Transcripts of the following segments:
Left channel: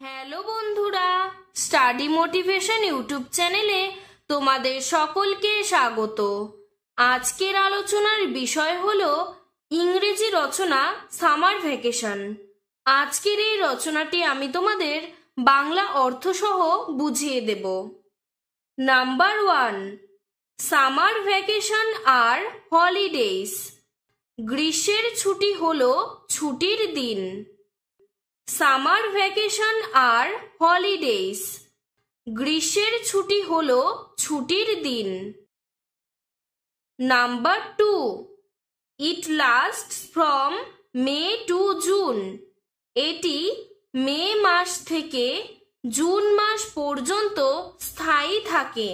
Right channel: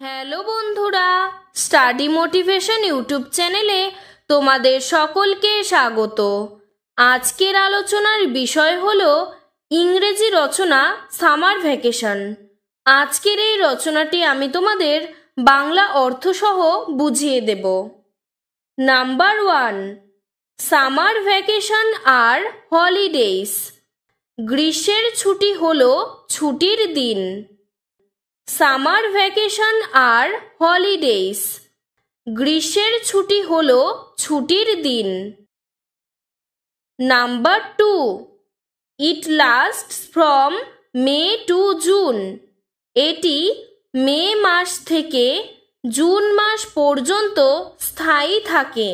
Hello বন্ধুরা, study motivation YouTube চ্যানেলে তোমাদের সকলকে স্বাগত। আজকের আলোচনার বিষয় হলো ইংরেজি রচনা সামার ভ্যাকেশন। আজকের এই রচনাটি আমি তোমাদের বাংলা অর্থসহ বুঝিয়ে দেব। নাম্বার 1, সামার ভ্যাকেশন আর হলিডেজ। গ্রীষ্মের ছুটি হলো ছুটির দিন। সামার ভ্যাকেশন আর হলিডেজ। গ্রীষ্মের ছুটি হলো ছুটির দিন। Number 2, it lasts from May to June. এটি মে মাস থেকে জুন মাস পর্যন্ত স্থায়ী থাকে।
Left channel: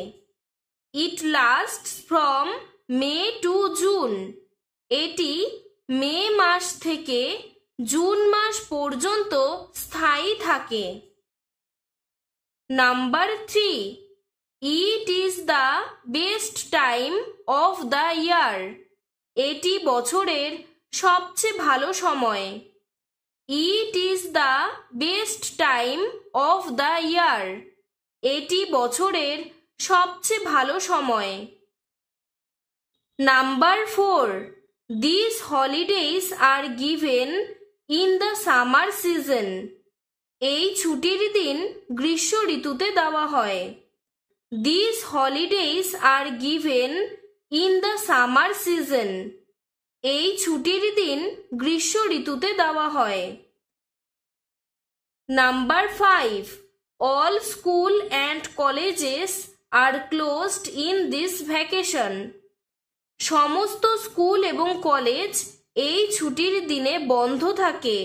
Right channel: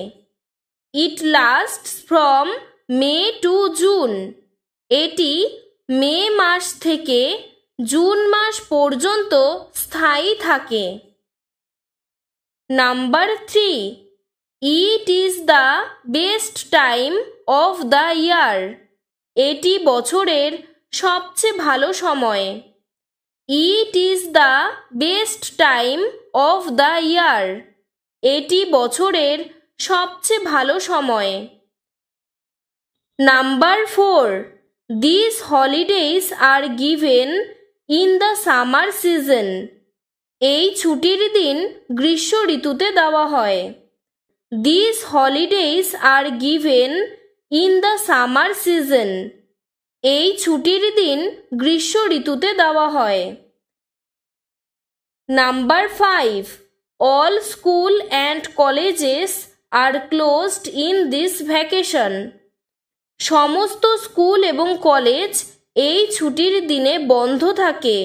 It lasts from May to June. এটি মে মাস থেকে জুন মাস পর্যন্ত স্থায়ী থাকে। Number 3, it is the best time of the year. এটি বছরের সবচেয়ে ভালো সময়। It is the best time of the year. এটি বছরের সবচেয়ে ভালো সময়। Number 4, these holidays are given in the summer season. এই ছুটির দিন গ্রীষ্ম ঋতুতে দেওয়া হয়। These holidays are given in the summer season. এই ছুটির দিন গ্রীষ্ম ঋতুতে দেওয়া হয়। Number 5, all school and colleges are closed in this vacation. সমস্ত স্কুল এবং কলেজ এই ছুটির দিনে বন্ধ থাকে।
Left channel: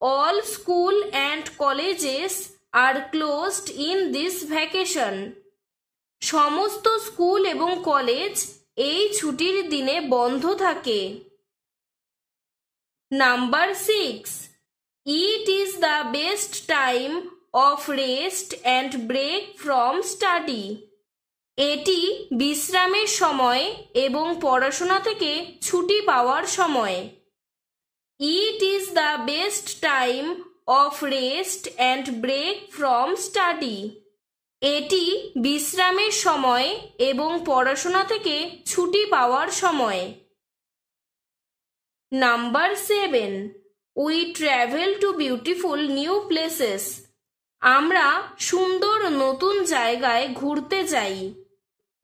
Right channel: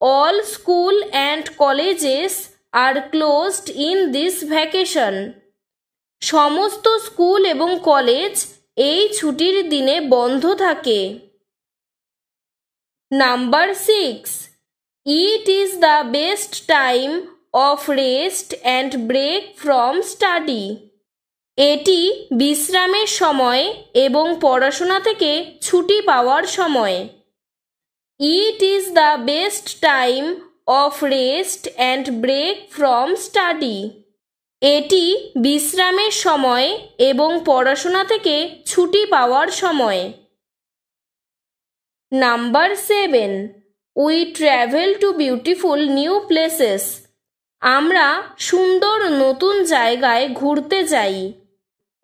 All school and colleges are closed in this vacation. সমস্ত স্কুল এবং কলেজ এই ছুটির দিনে বন্ধ থাকে। Number 6, it is the best time of rest and break from study. এটি বিশ্রামের সময় এবং পড়াশোনা থেকে ছুটি পাওয়ার সময়। It is the best time of rest and break from study. এটি বিশ্রামের সময় এবং পড়াশোনা থেকে ছুটি পাওয়ার সময়। Number 7, we travel to beautiful new places. আমরা সুন্দর নতুন জায়গায় ঘুরতে যাই।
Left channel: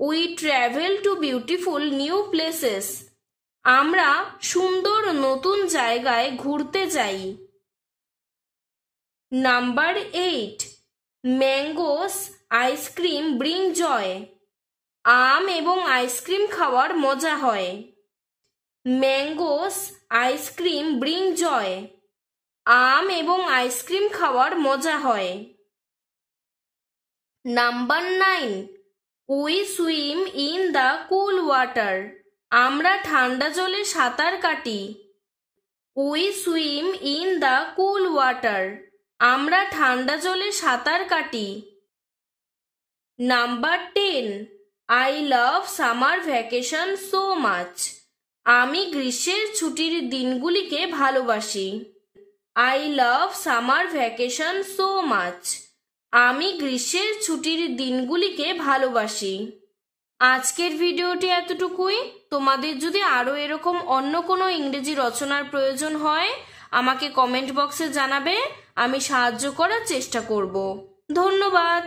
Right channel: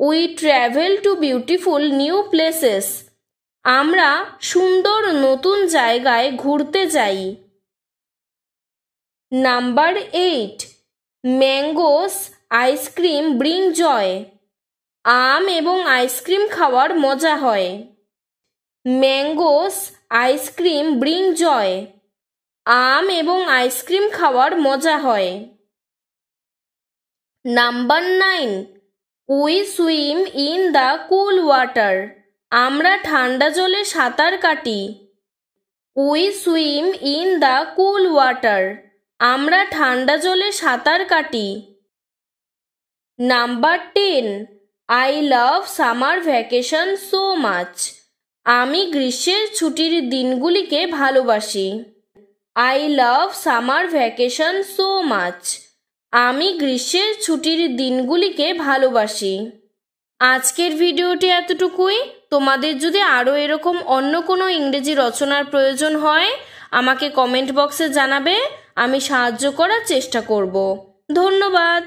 We travel to beautiful new places. আমরা সুন্দর নতুন জায়গায় ঘুরতে যাই। Number 8, mangoes ice cream bring joy. আম এবং আইসক্রিম খাওয়ার মজা হয়। Mangoes ice cream bring joy. আম এবং আইসক্রিম খাওয়ার মজা হয়। Number 9, we swim in the cool water. আমরা ঠান্ডা জলে সাঁতার কাটি। We swim in the cool water. আমরা ঠান্ডা জলে সাঁতার কাটি। Number 10, I love summer vacation so much. আমি গ্রীষ্মের ছুটির দিনগুলিকে ভালোবাসি। I love summer vacation so much. আমি গ্রীষ্মের ছুটির দিনগুলিকে ভালোবাসি। আজকের ভিডিওটি এতটুকুই। তোমাদের যদি আরও এরকম অন্য কোনো ইংরেজি রচনার প্রয়োজন হয় আমাকে কমেন্ট বক্সে জানাবে, আমি সাহায্য করার চেষ্টা করব। ধন্যবাদ।